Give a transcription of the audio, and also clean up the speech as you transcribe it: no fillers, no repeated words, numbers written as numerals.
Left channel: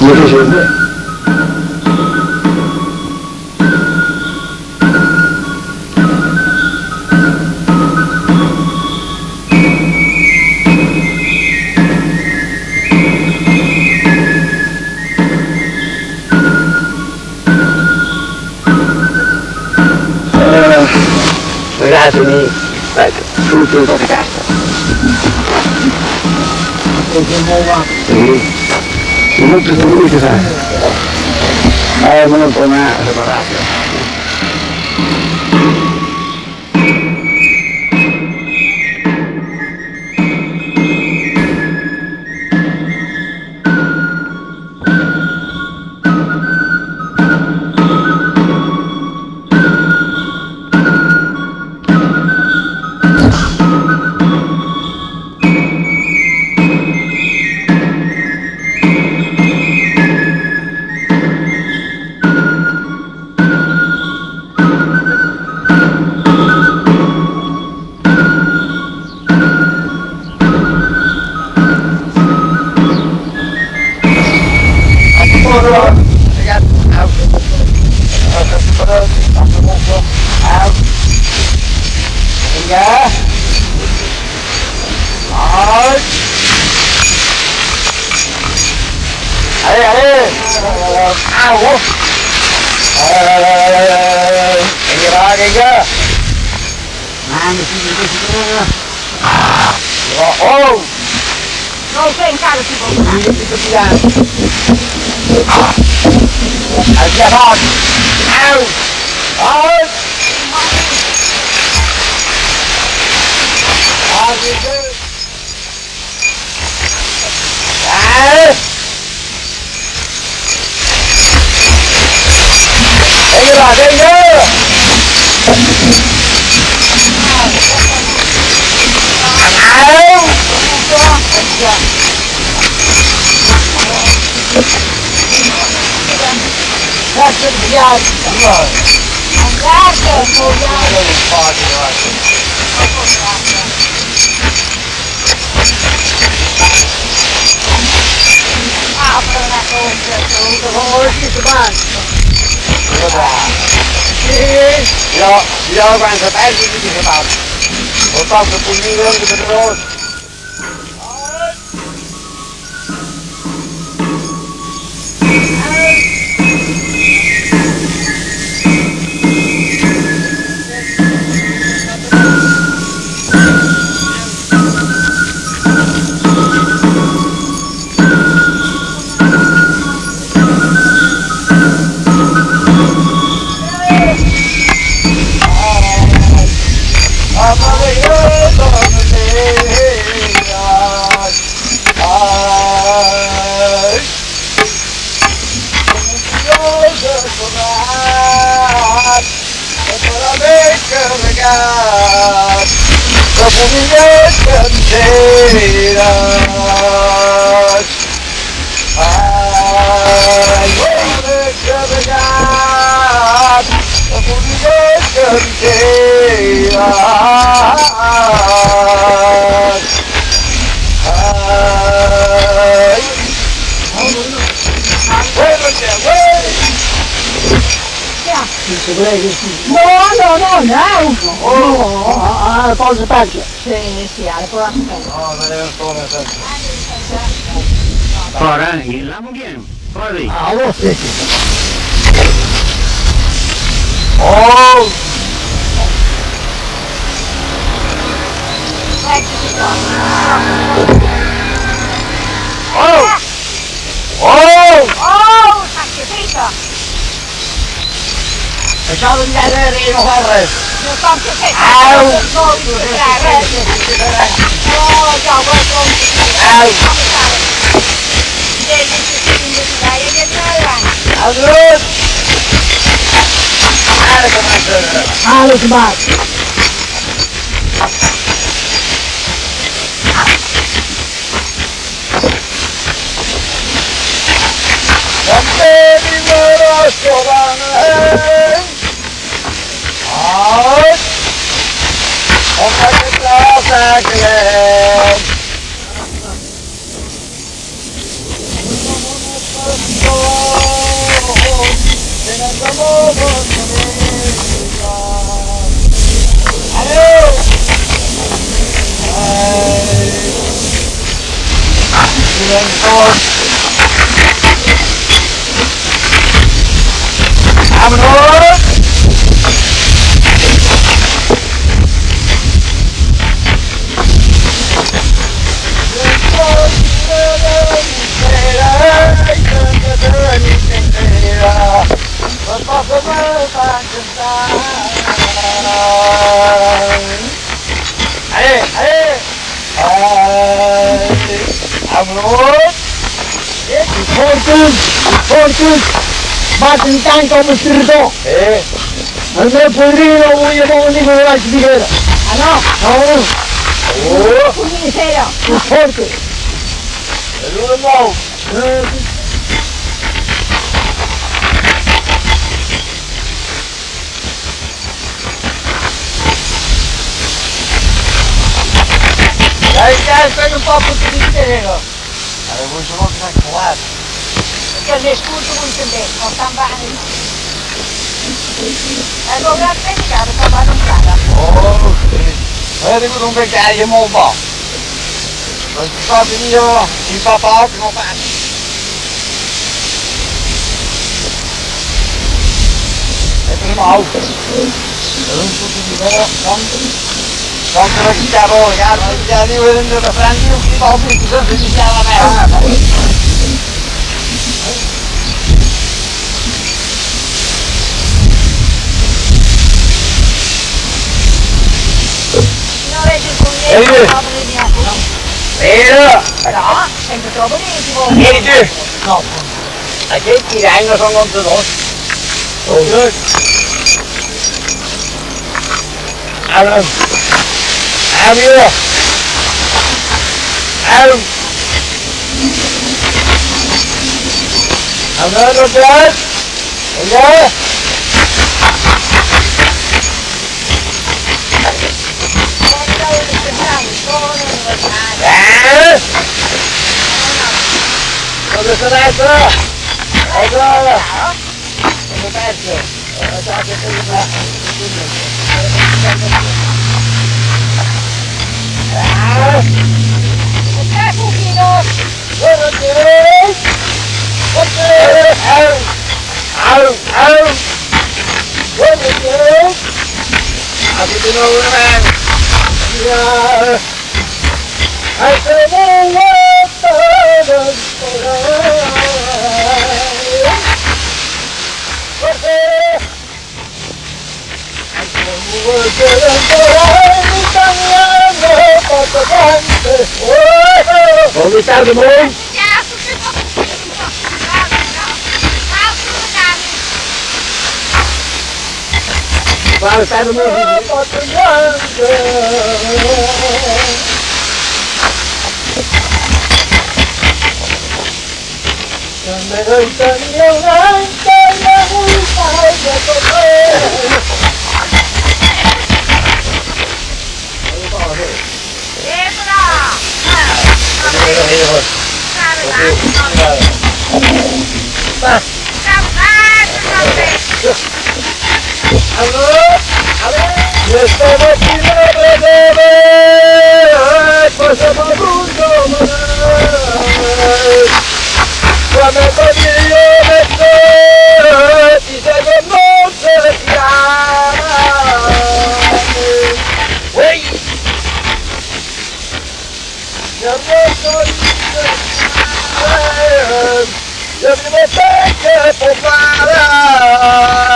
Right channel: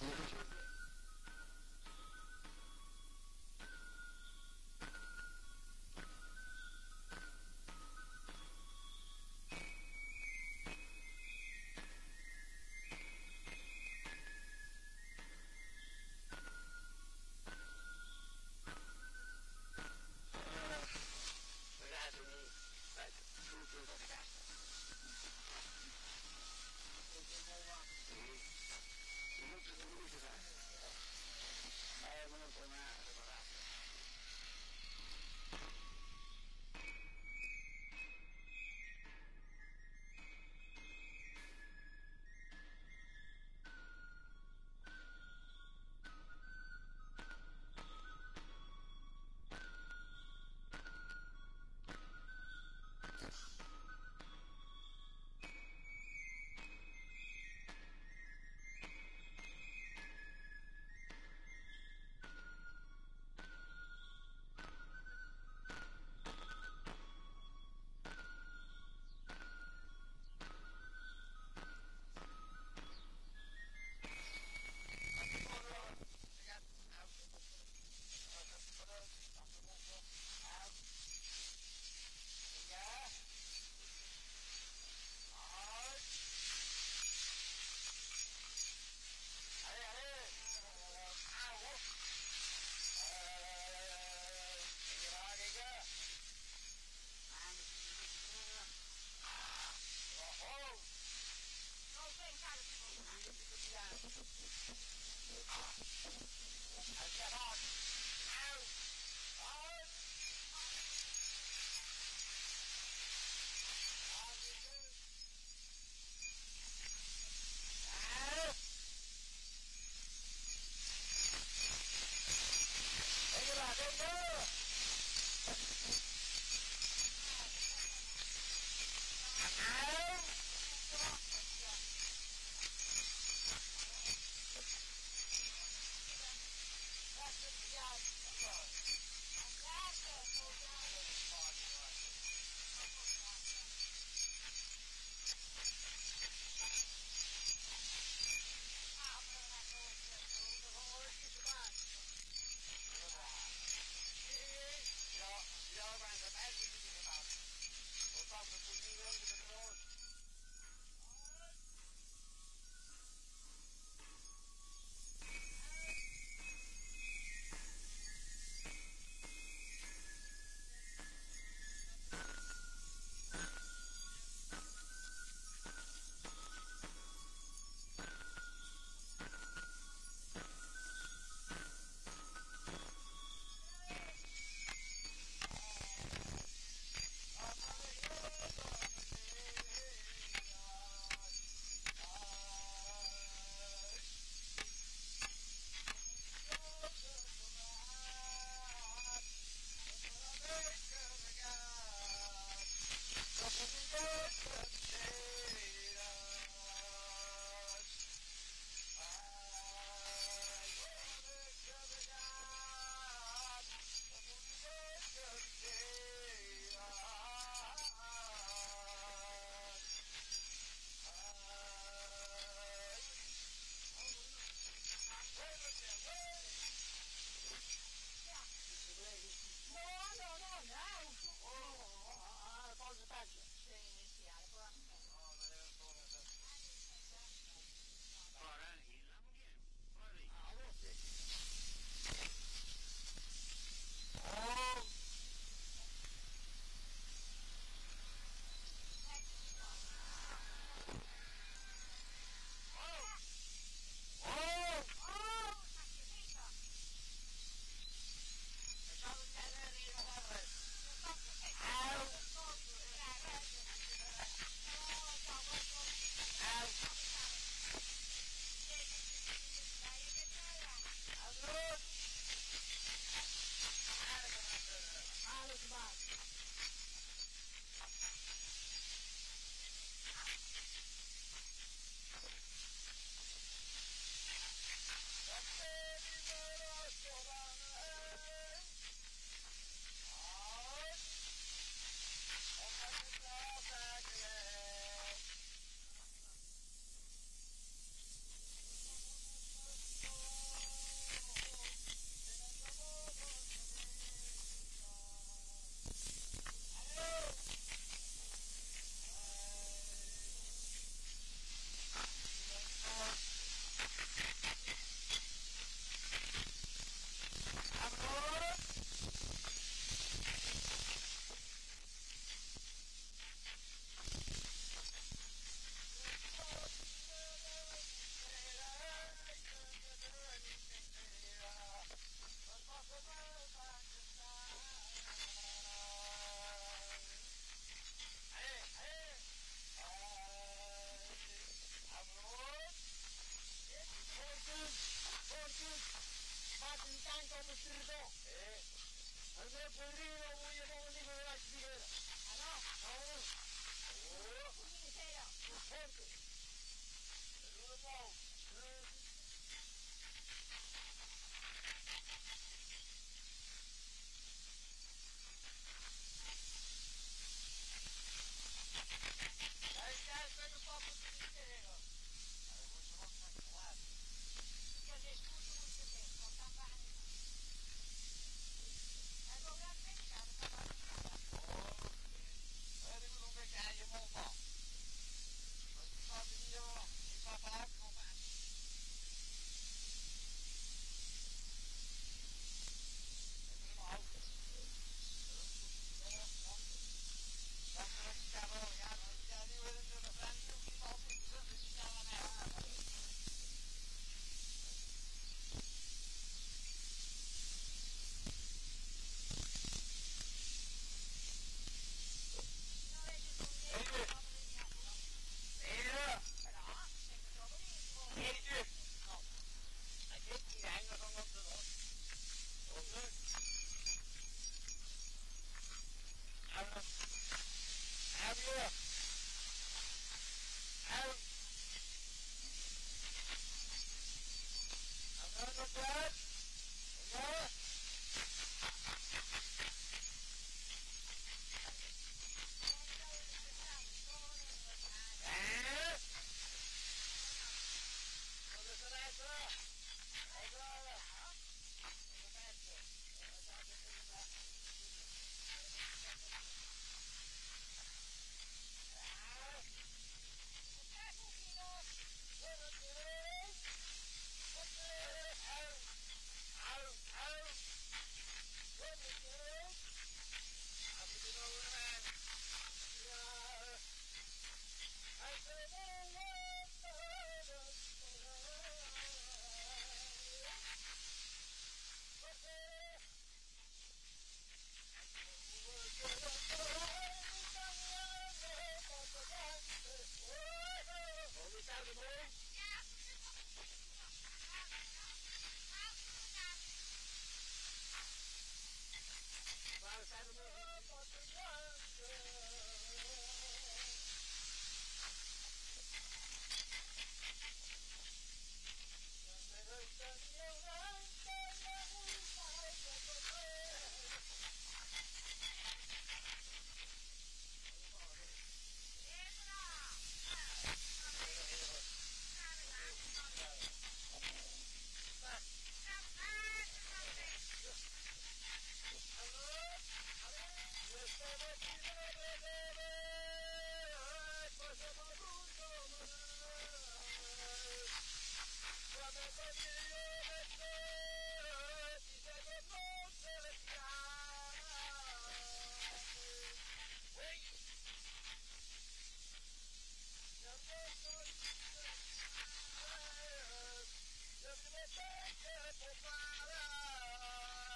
이렇게 쉬운데. Ragazzi, tutto in questa cassa. Sì, molto sicuro sai. Molto una separazione. Ja, quanto perdi di che fa? Ho fatto un pulmino di petrolio. Pausa peggio. Sì, alle pausa peggio. No, vedere solo sempre. Ora, la mugiamo. Poi. Ah, lo stesso. Oh! Oh! Oh! Oh! Sacrificio! Facciamo di vedere il Porreres. Non so che au! Alles macht. Bate tanto come Sirva. Ma non è podrido, voglio venire con la figura. Ah no? No. Oh. Un misero. Un forte. E lui no. Dai, stai un po' più di misero. Allora, voi sono tranquillati. Perché l'escuso molto bene, non sta bene. E dove ha predicato sta bene. Oh, sì. Vedi un vecchiaio molto buono. Non si fa venire il papà che non fa. E prima auto. E non tutto di vero, quando la chiaro, ragazzi, già devo vedere da Franchi, non si fa più, se si chiama me. Vero? No, sempre troppo intimo. Vieni tu. No. A che tiranno sono contro noi. Ok. Allora. Allora. Allora, guys. Allora. Dove sono adesso? Allora! Come pezzo? Ok, pochino! Buono direi! Ok! Au! Buono direi! Abito di nuovo una mano! Come sta il mondo? Guarda, sta il mondo? Me doy también antes de multar de correr. Yo vivo que por nada.